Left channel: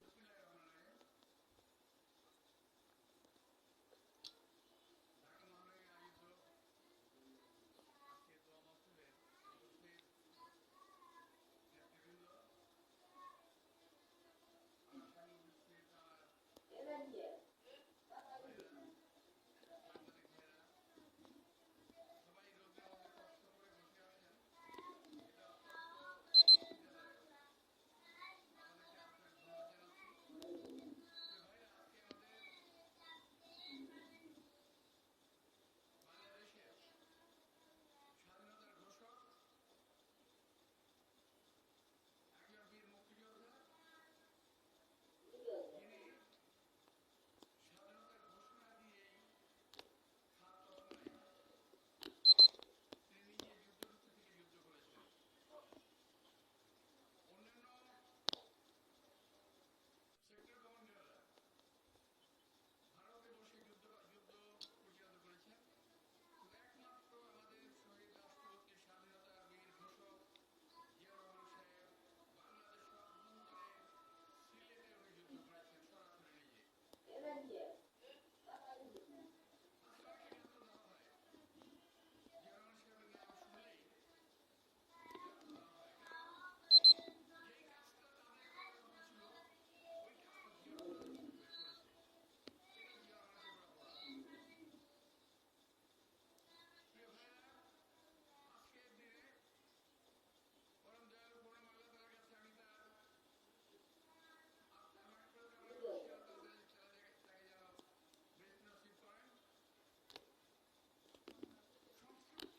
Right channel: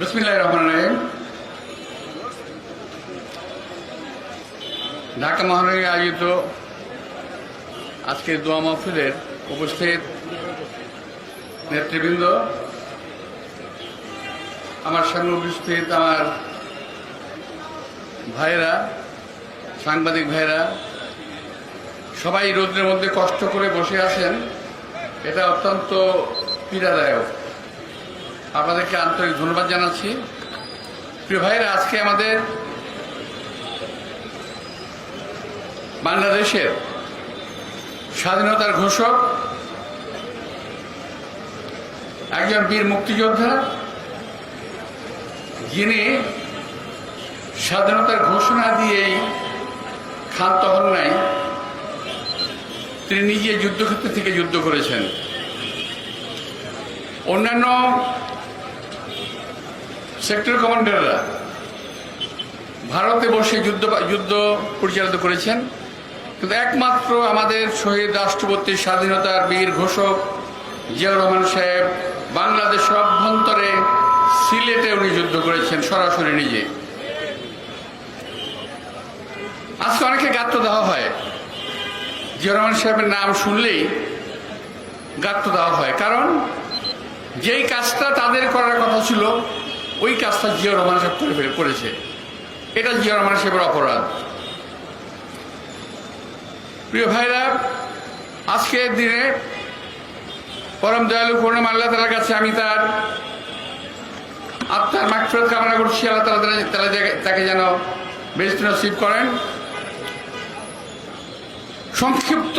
বিসমিল্লাহির রহমানির রহিম। ঢাকা মহানগরে আয়োজিত আজকের দোয়া মাহফিলের উপস্থিত নেতৃবৃন্দ, আমার সামনে উপস্থিত আমার ভাইয়েরা, সাংবাদিক ভাইয়েরা, সবাই রোদ্রের মধ্যে কষ্ট করে বসে আছেন, এটা অত্যন্ত পীড়াদায়ক। আপনাদেরকে আন্তরিক ধন্যবাদ জানাচ্ছি। প্রিয় ভাইয়েরা, আজকে আমাদের বাংলাদেশের স্বাধীনতার ঘোষক, একজন বীর মুক্তিযোদ্ধা, যিনি স্বাধীনতার ঘোষণা দিয়েই ক্ষান্ত হন নাই, তিনি নিজে যুদ্ধক্ষেত্র থেকে যুদ্ধ করেছেন। অন্যান্য সেক্টর কমান্ডাররা ভারতে বসে যুদ্ধ পরিচালিত করেছেন, কিন্তু একমাত্র আমাদের শহীদ রাষ্ট্রপতি, স্বাধীনতার বীর ঘোষক জিয়াউর রহমান সাহেব বাংলাদেশের অভ্যন্তরে সিলেটে উনি যুদ্ধ করেছেন সরাসরি নিজে। আজকে অনেকে গাত্র দেওয়া হয়, জিয়াউর রহমান সাহেবের নাম শুনলেই গাত্র দেওয়া হয়, কারণ যেই কাজটা তাদের করার কথা ছিল ওই কাজটা জিয়াউর রহমান সাহেব করেছে। এটা জিয়াউর রহমান সাহেবের অপরাধ। প্রিয় ভাইরা, আজকের দিনে পরম দয়ালু করুণাময় আল্লাহ তাআলার কাছে আমি তার আত্মার মাগফিরাত কামনা করছি। আল্লাহ তাআলা তাকে যেন বেহেশত নসিব করেন। সংক্ষিপ্ত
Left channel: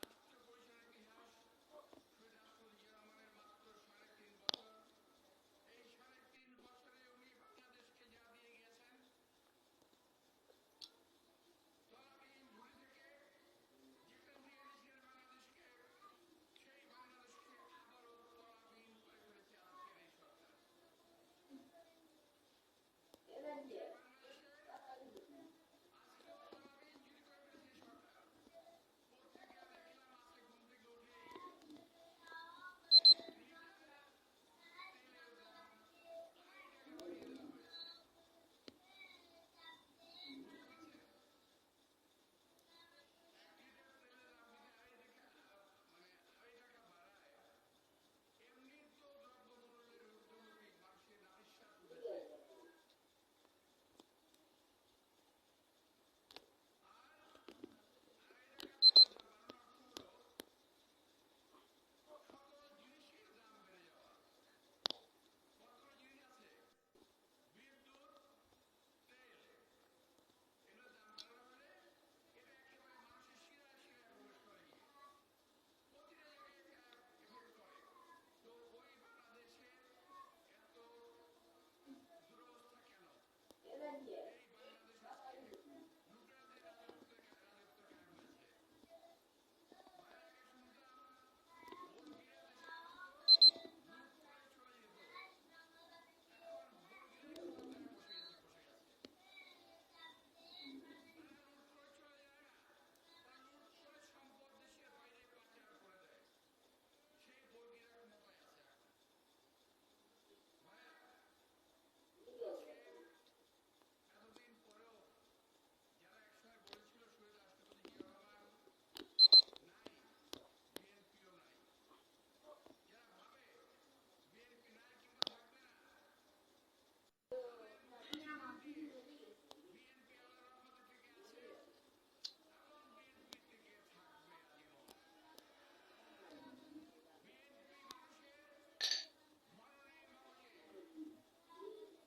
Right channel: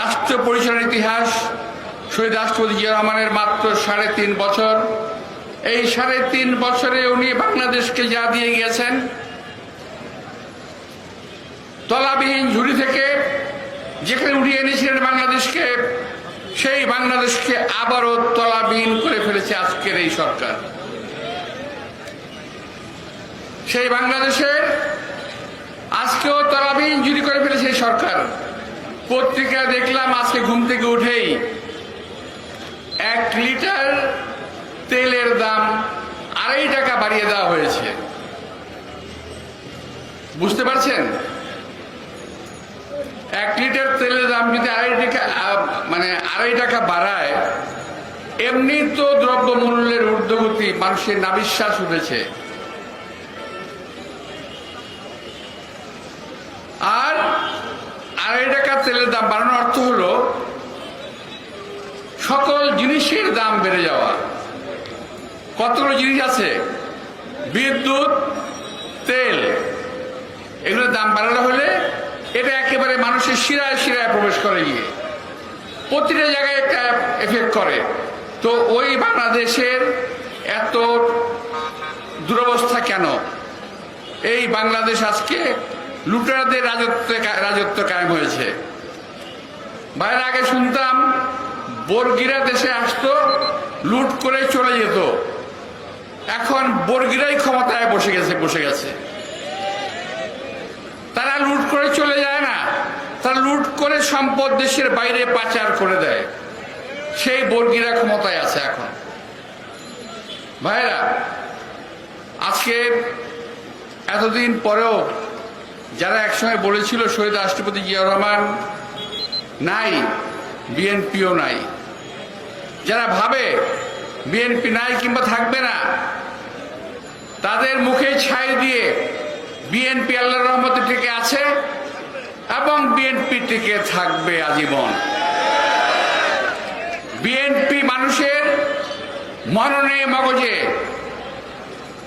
রাষ্ট্র পরিচালনার ইতিহাস, শহীদ রাষ্ট্রপতি জিয়াউর রহমানের মাত্র 3.5 বছর। এই 3.5 বছরে উনি বাংলাদেশকে যা দিয়ে গিয়েছেন, তলাবিহীন ঝুড়ি থেকে যেখানে উঠিয়ে এনেছিলেন বাংলাদেশকে, সেই বাংলাদেশকে আবারও তলাবিহীন করে ফেলেছে আজকের এই সরকার। সেই বাংলাদেশের আজকেও তলাবিহীন ঝুড়ি করে ফেলেছে এই সরকার। পত্রিকায় দেখলাম আজকে ঘুম থেকে উঠেই 1 লিটার তেলের দাম 2.5 টাকা বাড়িয়ে দেওয়া হয়েছে। বুঝতে পারছেন? 1 লিটার তেলের দাম যদি 2.5 টাকা বাড়ায়, এমনি তো দ্রব্য মূল্যের ঊর্ধ্বগতি, মানুষের নাবিশ্বাস উঠেছে। আর 2.5 টাকা তেলের দাম বাড়ানোর অর্থ হলো সকল জিনিসের দাম বেড়ে যাওয়া। কতগুলো জিনিস আছে, বিদ্যুৎ, তেল, এগুলোর দাম বাড়ানো হলে এটা একেবারে মানুষের শিরায় শিরায় প্রবেশ করে, গিয়ে প্রতিটা জায়গায় একটা এফেক্ট করে। তো ওই বাংলাদেশের এত দুরবস্থা কেন? এই বাংলাদেশ আজকে লুটেরাদের রাজত্ব কায়েম হয়েছে। বাইরে আগে শুনতাম বর্গীরা দেশে আসতো, লুট করে চলে যেত। এখন বর্গীরাই ক্ষমতায় বসে গেছে। তারা লুট করে চলে যায় না, তারা লুট করে সম্পদ দেশের বাইরে পাচার করে দেয়। সেই বর্গীরা ক্ষমতায় আছে এখন। ভাইরা, আজকে এতদিন পরেও যারা একসময় বলেছিল শহীদ রাষ্ট্রপতি জিয়াউর রহমান নাই, বিএনপিও নাই, যারা ভাবে বিএনপি নাই কিংবা থাকবে না, তাদের মুখে ছাই দিয়ে বিএনপি আল্লাহর রহমতে টিকে আছে এবং বিএনপি টিকে থাকবে আজীবন। বিএনপি মানুষের মননে মগজে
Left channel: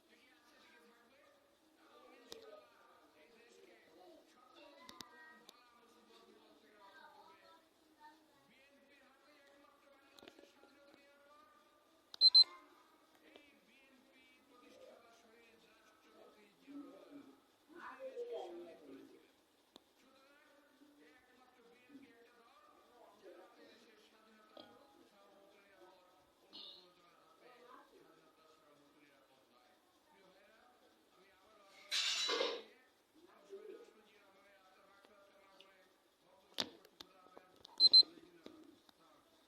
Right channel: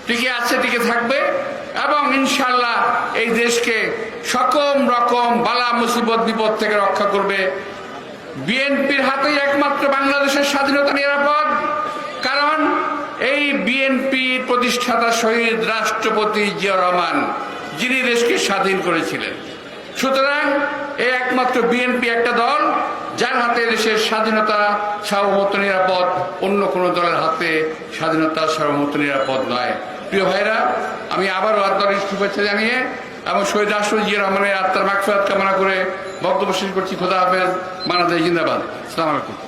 টিকে আছে, টিকে থাকবে এবং ইনশাআল্লাহ এই দেশকে সকল রকম বালা মুসিবত বিপদ থেকে রক্ষা করবে। বিএনপির হাতেই একমাত্র বাংলাদেশের স্বাধীনতা নিরাপদ, কারণ এই বিএনপির প্রতিষ্ঠাতা শহীদ রাষ্ট্রপতি জিয়াউর রহমান, যিনি দেশকে স্বাধীন করেছিলেন। সুতরাং এই একমাত্র বিএনপি একটা দল যার হাতে দেশের স্বাধীনতা, সার্বভৌমত্ব নিরাপদ। অন্য কোনো দলের হাতে স্বাধীনতা, সার্বভৌমত্ব নিরাপদ নয়। প্রিয় ভাইরা, আমি আবারও আন্তরিক শুভেচ্ছা জানিয়ে এবং শহীদ রাষ্ট্রপতি জিয়াউর রহমানের আত্মার মাগফিরাত কামনা করে বক্তব্য শেষ করছি। খোদা হাফেজ। বাংলাদেশ জিন্দাবাদ। আসসালামু আলাইকুম।